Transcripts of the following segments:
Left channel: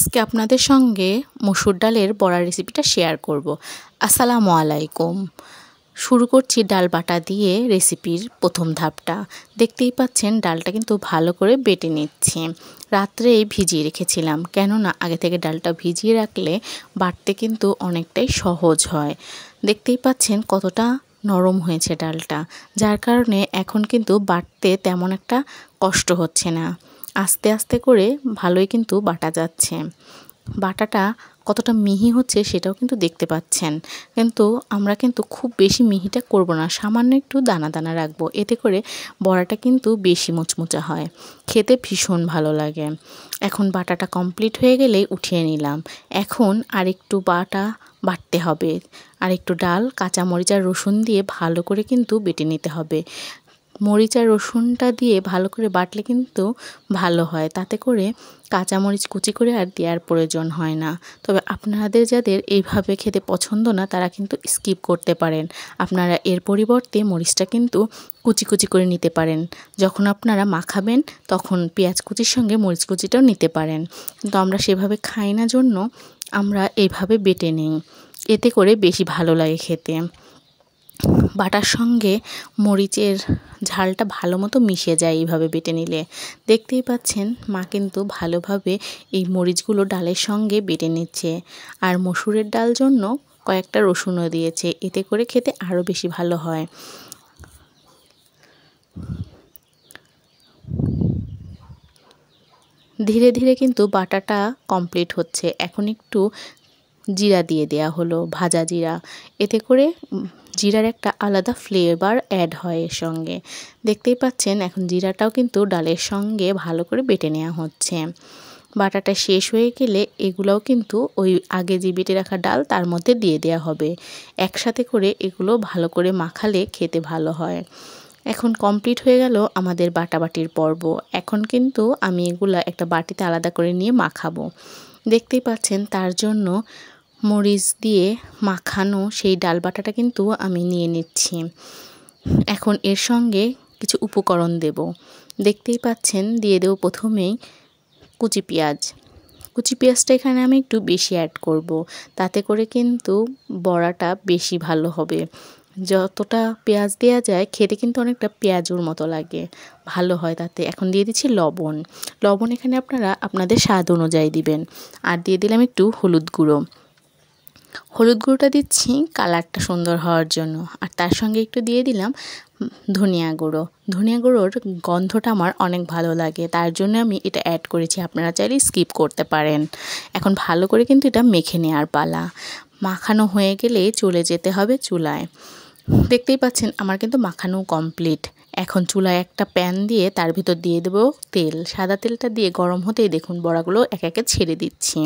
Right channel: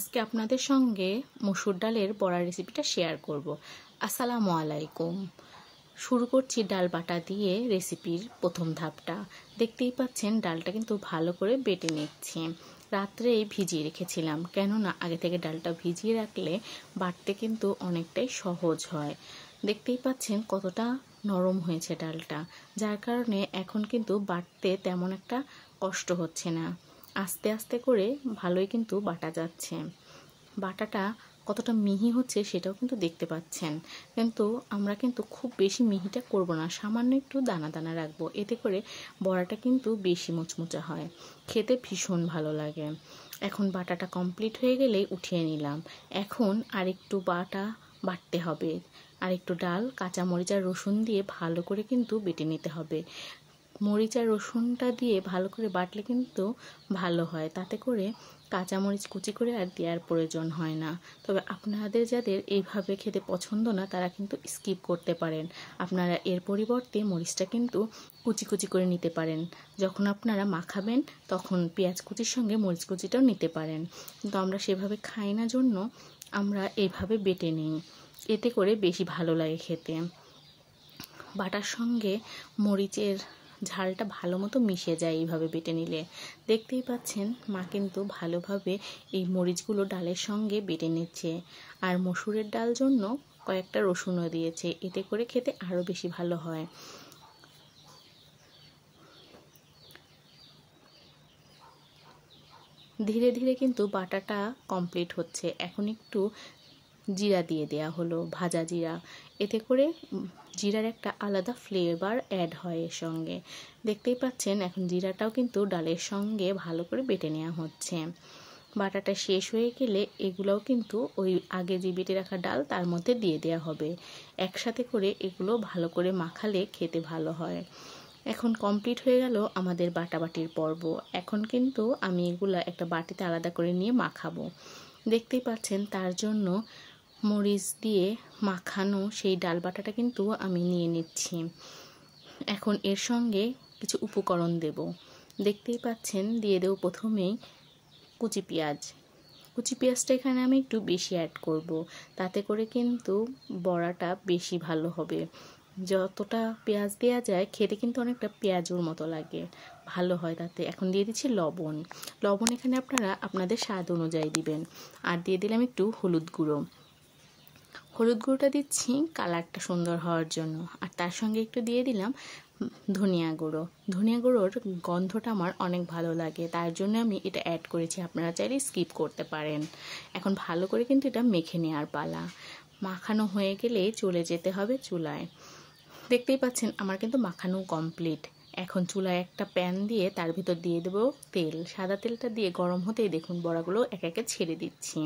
আজকে আপনাদের সঙ্গে মসুর ডালের বড়া রেসিপিটা শেয়ার করব। আসসালামু আলাইকুম। শুরু করছি ডাল বাটা দিয়ে রেসিপির প্রথম ধাপটা। দেখতেই পাচ্ছেন ডালটা কিন্তু ভালো করে বেটে নিচ্ছি। রাত্রেই ভিজিয়ে রেখেছিলাম, কেননা আগে থেকে ডালটা ভিজিয়ে রাখলে বাটতে কিন্তু অনেকটাই সহজ হয়। দেখতেই পাচ্ছেন কতটা নরম হয়েছে ডালটা, যার কারণে এখন কিন্তু বাটতে তেমন একটা কষ্ট হচ্ছে না। আস্তে আস্তে করে ভালোই কিন্তু বাটা যাচ্ছে। বাটাটা কতটা মিহি হচ্ছে সেটাও কিন্তু দেখতে পাচ্ছেন। কিন্তু আমরা কিন্তু খুব বেশি মিহিটা করব না, সামান্য একটু দানা দানা রাখবো, এতে করে বড়াটা কিন্তু বেশি মুচমুচা হয়, খেতে ভীষণ ভালো লাগে। এখন বাটাটা কমপ্লিট হয়ে গেলেই উঠিয়ে নিলাম। এখন আরেকটু বাটতে হবে, আর একটু ডাল, কাঁচামরিচ আর রসুন দিয়ে ভালো করে কিন্তু বেটে নিতে হবে। মরিচ আর রসুনটা দিয়ে ভালো করে বাটলে কিন্তু ভালো হয়, তাতে করে কাঁচামরিচ কুচি করে আর দেওয়ার প্রয়োজন হয় না। তবে আপনাদের যাদের এইভাবে খেতে পছন্দ না, তারা কিন্তু স্কিপ করতে পারেন। আপনারা এর পরিবর্তে মরিচটা কিন্তু কুচি কুচি করে নিতে পারেন। যখন আপনারা মাখাবেন তখন পেঁয়াজ কুচির সঙ্গে মরিচ কুচিটাও নিতে পারেন, কিন্তু আমরা সেভাবে খাই না জন্য আমরা এইভাবে বেটে নিই, এতে করে বেশি ভালো লাগে খেতে। বাটার সঙ্গে মরিচের ঝালটা ভালো মতো মিশে যায় এইভাবে বেটে নিলে। দেখতেই পাচ্ছেন মা কিন্তু ভালোভাবে এই মরিচগুলো ডালের সঙ্গে বেটে নিচ্ছে, আর মসুরের ডাল জন্য কয়েকটা রসুনও দিয়েছে, এতে করে খেতে আরও বেশি ভালো হয়। ধীরে ধীরে কিন্তু বাটাটা কমপ্লিট হচ্ছে। এখন একটু জিরা দিয়ে দেয়া হলো, ভাজা জিরা, এতে করে জিরার একটা আলাদা ফ্লেভার অ্যাড হয় এর সঙ্গে। দেখতেই পাচ্ছেন এখন জিরাটাও কিন্তু ডালের সঙ্গে ভালো করে বেটে নেওয়া হচ্ছে। বাটাটা শেষ হয়ে গেলে এগুলোও কিন্তু ওই আগে যে বেটে রাখা ডাল তার মধ্যে দিয়ে দেওয়া হবে। একসাথে করে এগুলো ভালো করে মাখালে খেতে ভালো হয়। এখন কমপ্লিট হয়ে গেল আমাদের বাটাবাটির পর্ব। এখন কিন্তু আমি এগুলা একটা বাটিতে আলাদা করে নিয়ে মাখাবো। দেখতেই পাচ্ছেন তার জন্য মরিচ দিয়ে মাখানো সেই ডাল বাটাটা কিন্তু আমি নিয়ে নিচ্ছি। এখন এর সঙ্গে কিছু উপকরণ দেব। দেখতেই পাচ্ছেন দিয়ে দেব প্রথমেই কুচি পেঁয়াজ। কুচি পেঁয়াজটা এখানে আমি একটু বেশি অ্যাড করব, তাতে করে কিন্তু বড়াটা বেশি ভালো হবে। যতটা পেঁয়াজ দেওয়া যায় খেতে কিন্তু অনেকটা পেঁয়াজুর মতো লাগে, ভালো হয় তাতে। এখন দিয়ে দিচ্ছি লবণ। লবণ এখানে আপনারা আপনাদের স্বাদ অনুযায়ী দিবেন। আর দিয়ে দিলাম একটু হলুদ গুঁড়ো। হলুদ গুঁড়োটা দিচ্ছি কালারটা সুন্দর হওয়ার জন্য, আর তার সঙ্গে একটু দিয়ে দিলাম ধনিয়া গুঁড়ো। ধনিয়া গুঁড়োর গন্ধটা আমার অনেক ভালো লাগে, তার জন্য আমি এটা অ্যাড করেছি। আপনারা চাইলে স্কিপ করতে পারেন। এখন ভালো করে কিন্তু এটা মেখে নেওয়ার পালা। মাখানো হয়ে গেলে চলে যেতে হবে চুলায়। দেখতেই পাচ্ছেন আমার কিন্তু মাখানো কমপ্লিট। এখন চুলায় একটা প্যান দিয়ে তার ভিতর দিয়ে দেবো তেল। সাদা তেলটা দিয়ে গরম হতেই দেখুন বড়াগুলো একে একে ছেড়ে দিচ্ছি।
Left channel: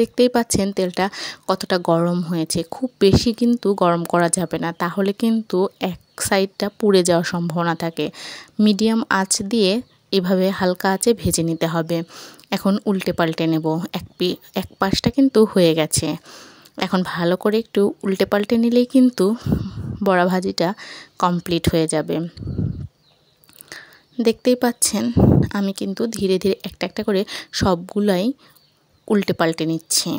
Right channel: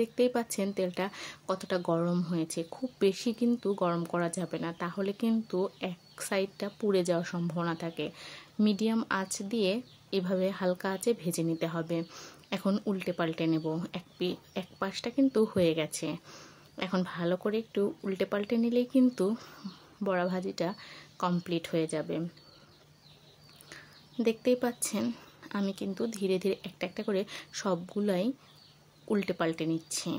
দেখতেই পাচ্ছেন তেলটা কতটা গরম হয়েছে। খুব বেশি কিন্তু গরম করা যাবে না, তাহলে কিন্তু এক সাইডটা পুড়ে যাওয়ার সম্ভাবনা থাকে। মিডিয়াম আঁচ দিয়ে এভাবে হালকা আঁচে ভেজে নিতে হবে। এখন উল্টে পাল্টে নেব। এক পাশটা কিন্তু হয়ে গেছে। এখন ভালো করে একটু উল্টে পাল্টে নিলেই কিন্তু বড়া ভাজিটা কমপ্লিট হয়ে যাবে। দেখতেই পাচ্ছেন আমি কিন্তু ধীরে ধীরে একটা একটা করে সবগুলাই উল্টে পাল্টে নিচ্ছি।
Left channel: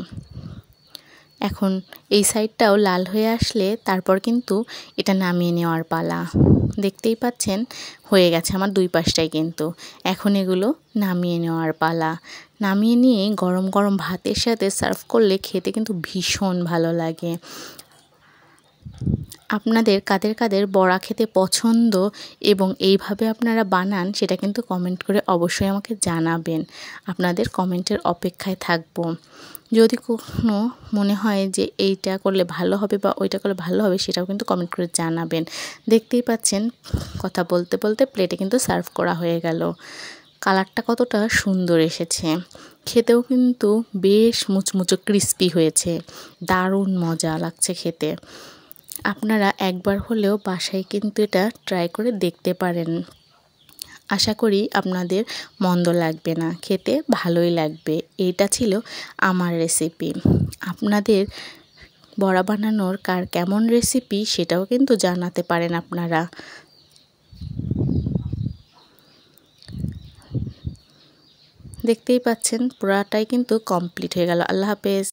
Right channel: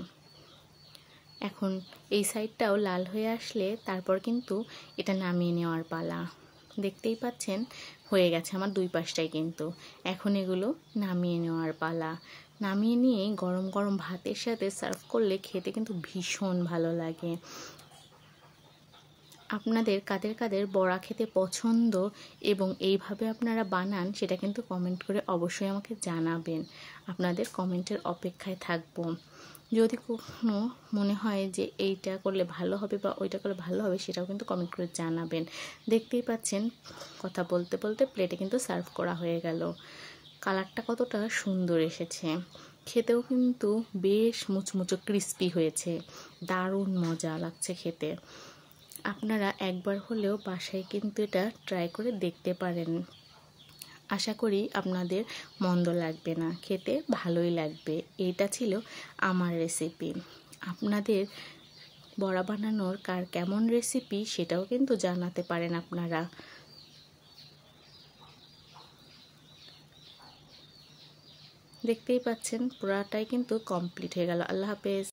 এখন এই সাইডটাও লাল হয়ে আসলে তারপর কিন্তু এটা নামিয়ে নেওয়ার পালা। দেখতেই পাচ্ছেন হয়ে গেছে আমার দুই পাশটাই কিন্তু। এখন এগুলো নামিয়ে নেওয়ার পালা। নামিয়ে নিয়ে গরম গরম ভাতের সাথে সার্ভ করলে খেতে কিন্তু ভীষণ ভালো লাগে। আপনাদের কাদের কাদের বড়া খেতে পছন্দ এবং এইভাবে আপনারা বানান সেটা কিন্তু কমেন্ট করে অবশ্যই আমাকে জানাবেন। আপনাদের কমেন্টের অপেক্ষায় থাকব। যদি কখনো মনে হয় যে এইটা করলে ভালো হবে বা ওইটা করলে ভালো হবে, সেটাও কিন্তু কমেন্ট করে জানাবেন। দেখতেই পাচ্ছেন কথা বলতে বলতে প্লেটে কিন্তু সার্ভ করা হয়ে গেল। কালারটা কতটা সুন্দর এসেছে, খেতেও কিন্তু বেশ মুচমুচো ক্রিস্পি হয়েছে। দারুণ মজা লাগছে খেতে। আপনারা একবার হলেও বাসায় কিন্তু এটা ট্রাই করে দেখতে পারেন। আশা করি আপনাদের মন্দ লাগবে না, খেতে ভালোই লাগবে। এইটা ছিল আমার রেসিপি। আপনাদের বড়া বানানোর কার কেমন রেসিপি সেটাও কিন্তু জানাতে পারেন আপনারা। দেখতেই পাচ্ছেন পুরাটাই কিন্তু কমপ্লিট হয়ে গেল। আল্লাহ হাফেজ।